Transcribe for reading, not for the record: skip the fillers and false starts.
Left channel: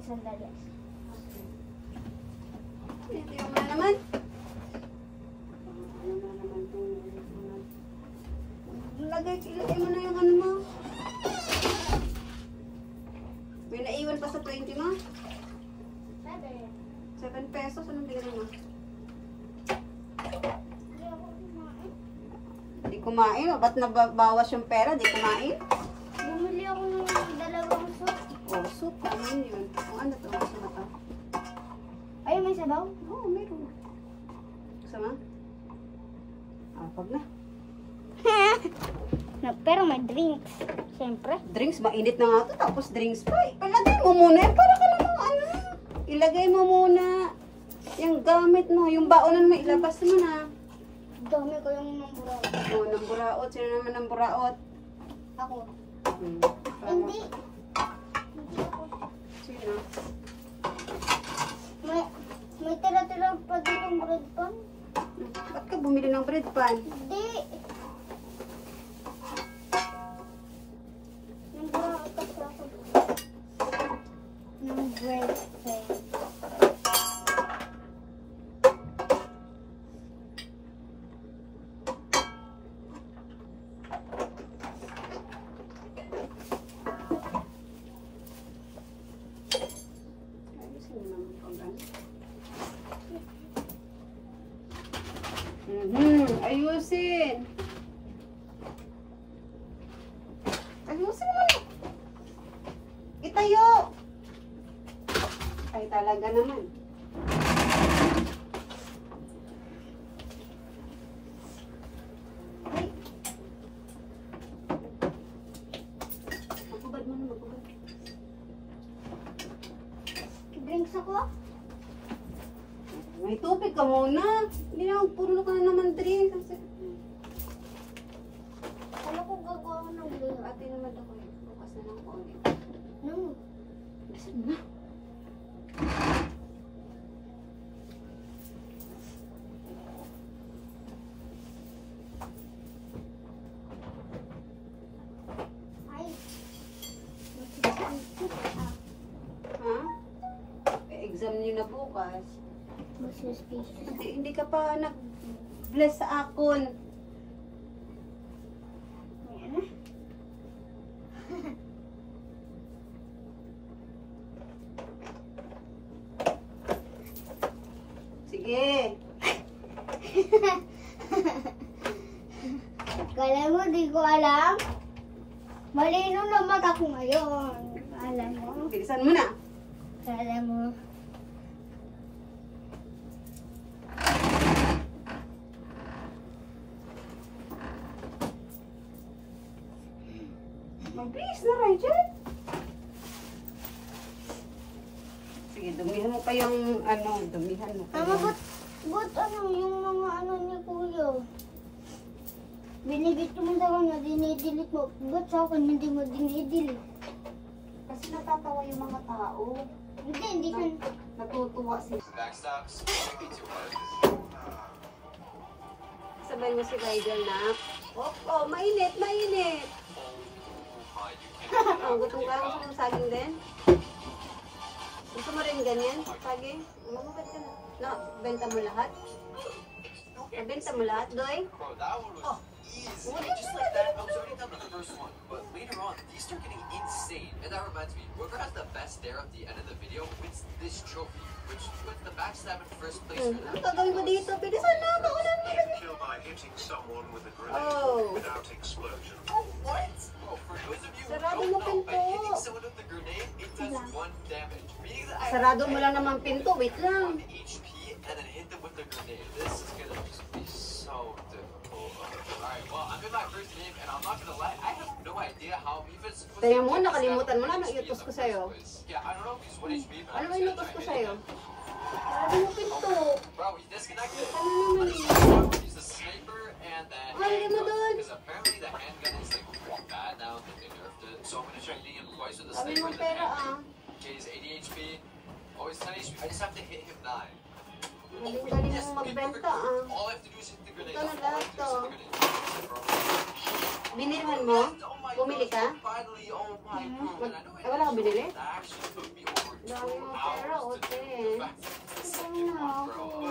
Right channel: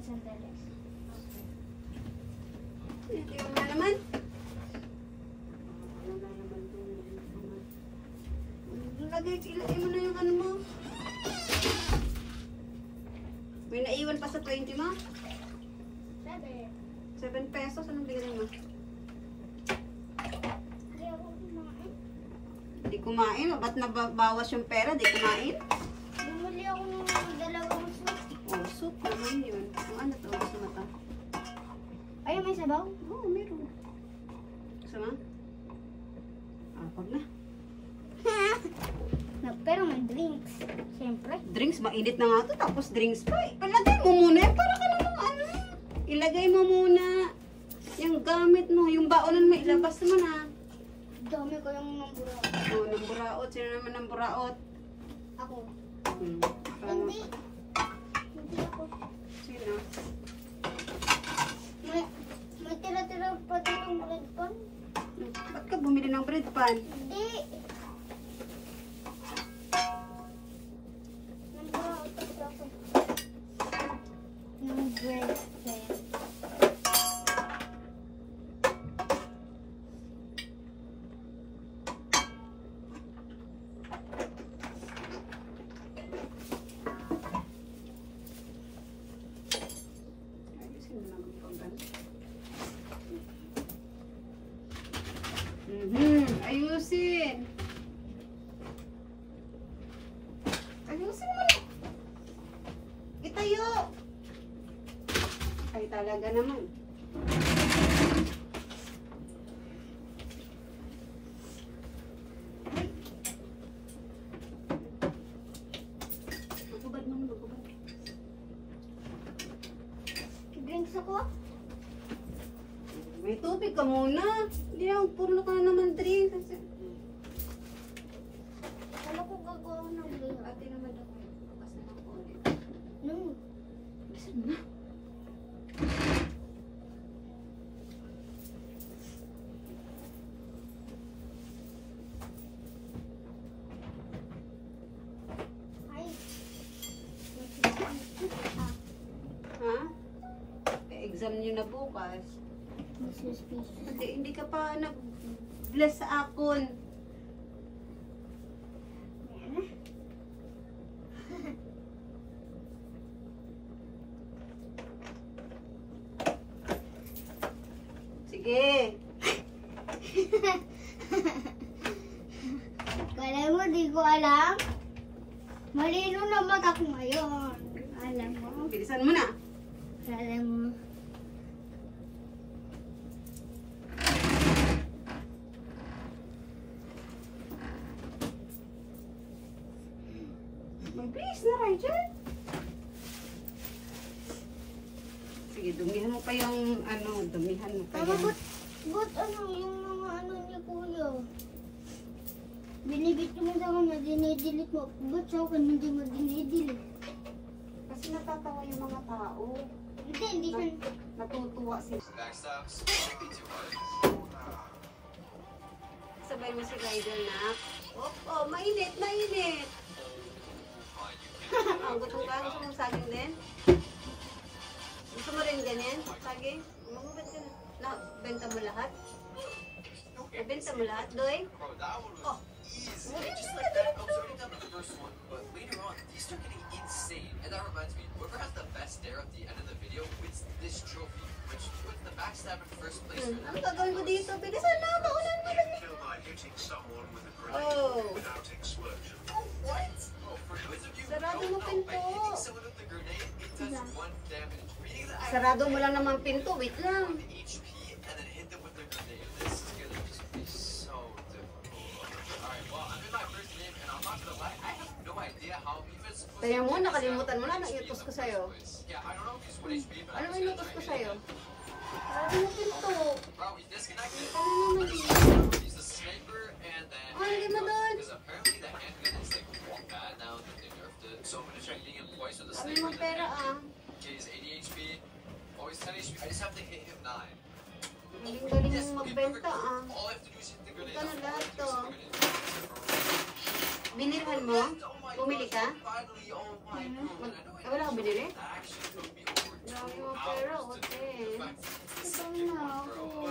ng sandali. Hindi mo na naman. Ilagay mo na yung ano mo. May naiwan pa sa 20 mo? 7 pesos. Anong bigyan mo? Di kumain. Ba't nabawas yung pera? Di kumain? Bumili ako ng dalawang soup. Oh, soup. Ano yun? Ano to? Kasama to? Ay, may sabaw? Oo, meron. Kasama? Pag na. No, pero may drinks. Siyempre. Drinks, mainit na nga to. Tapos drinks pa. Ilagay mo muna yan. Para ka namang ano. Ilagay mo muna yung gamit mo. Yung baonan mo, ilabas mo na. Dami ko yung namburaot. Oo, namburaot. Sino naman namburaot? Ako. Hindi. Hindi. Sino? May tira-tira pa din ng bread pan. Ba't ka bumili ng bread pan? Hindi. Namburaot kasi ako. Yung bread pan. Ayusin. Ayusin mo na. Itayo. Ay, talaga naman. Ay. Magubad mo, magubad. Drinks ako? May tubig ka muna. Hindi na, puro ka na naman drink. Ano kung gagawa ko ng drink? Ate naman ako. Bukas na lang ko ulit. No. Bisan na. Ay. Ha? Exam nyo na bukas. Hindi ka pa nag-bless sa akon. Yan na. Sige. Kala mo, di ko alam. Malino na mata ko ngayon. Alam mo. Bilisan mo na. Kala mo. Mabilis na, Rachel. Sige, dumihan mo pa yung ano, dumihan mo pa Ano, yung... but ano, yung mga ano ni Kuya? Binibit mo daw na dinidilit mo. Ba't sa akin hindi mo dinidilit? Kasi natatawa yung mga tao. Hindi ka. Natutuwa sila. Sabay mo si Rigel na. Oh, mainit, mainit. Gutom ka? Gusto mo saging din? Gusto mo rin ganyan? Saging? Magubad ka na. No, benta mo lahat? Benta mo lahat, Doy? Oh. Just like that, I was already done with the first one, but later on, these start getting insane. And that reminds me, whoever has the best stare at the end of the video wins this trophy, which puts the backstab in first place. Ano gagawin ko dito? Bilisan na, kaulan mo. Kill by hitting someone with a grenade Oh. without explosion. Oh, what? Oh, for those of you who Sarado don't mo know, by pinto. hitting someone with a grenade, it does 1 damage. Meaning that I Sarado mo lang naman pinto. Wait lang. the HP and then hit them with the grenade. This is gonna be so difficult. Alright, well, I'm in my first game, and I'm not gonna lie, I have no idea how I'm even supposed Kaya mo, nakalimutan mo na, nag-iutos ko sa'yo. Yeah, I don't know if he's 1 HP, but Ano I'm ba just inutos gonna ko try sa'yo? and hit him. Sarado mo pinto. Bro, he's disconnected. Ano naman? He's the sniper and the Ay, ano doon? because apparently the handgun is like pretty bad now that they nerfed it. So I'm gonna try hitting him twice with the Sabi sniper mo and the pera handgun. ah. Okay, he's 80 HP. Oh, he's 10 HP. I just have to hit him 9. Galing-galing mong magbenta ah. All I have to do is hit the grenade. Ito na lahat to. Binirman mo? Bumili ka? Finally, oh my god. Wala kang binili? The action would be over. Dami mo pera, ote. Ito na ako.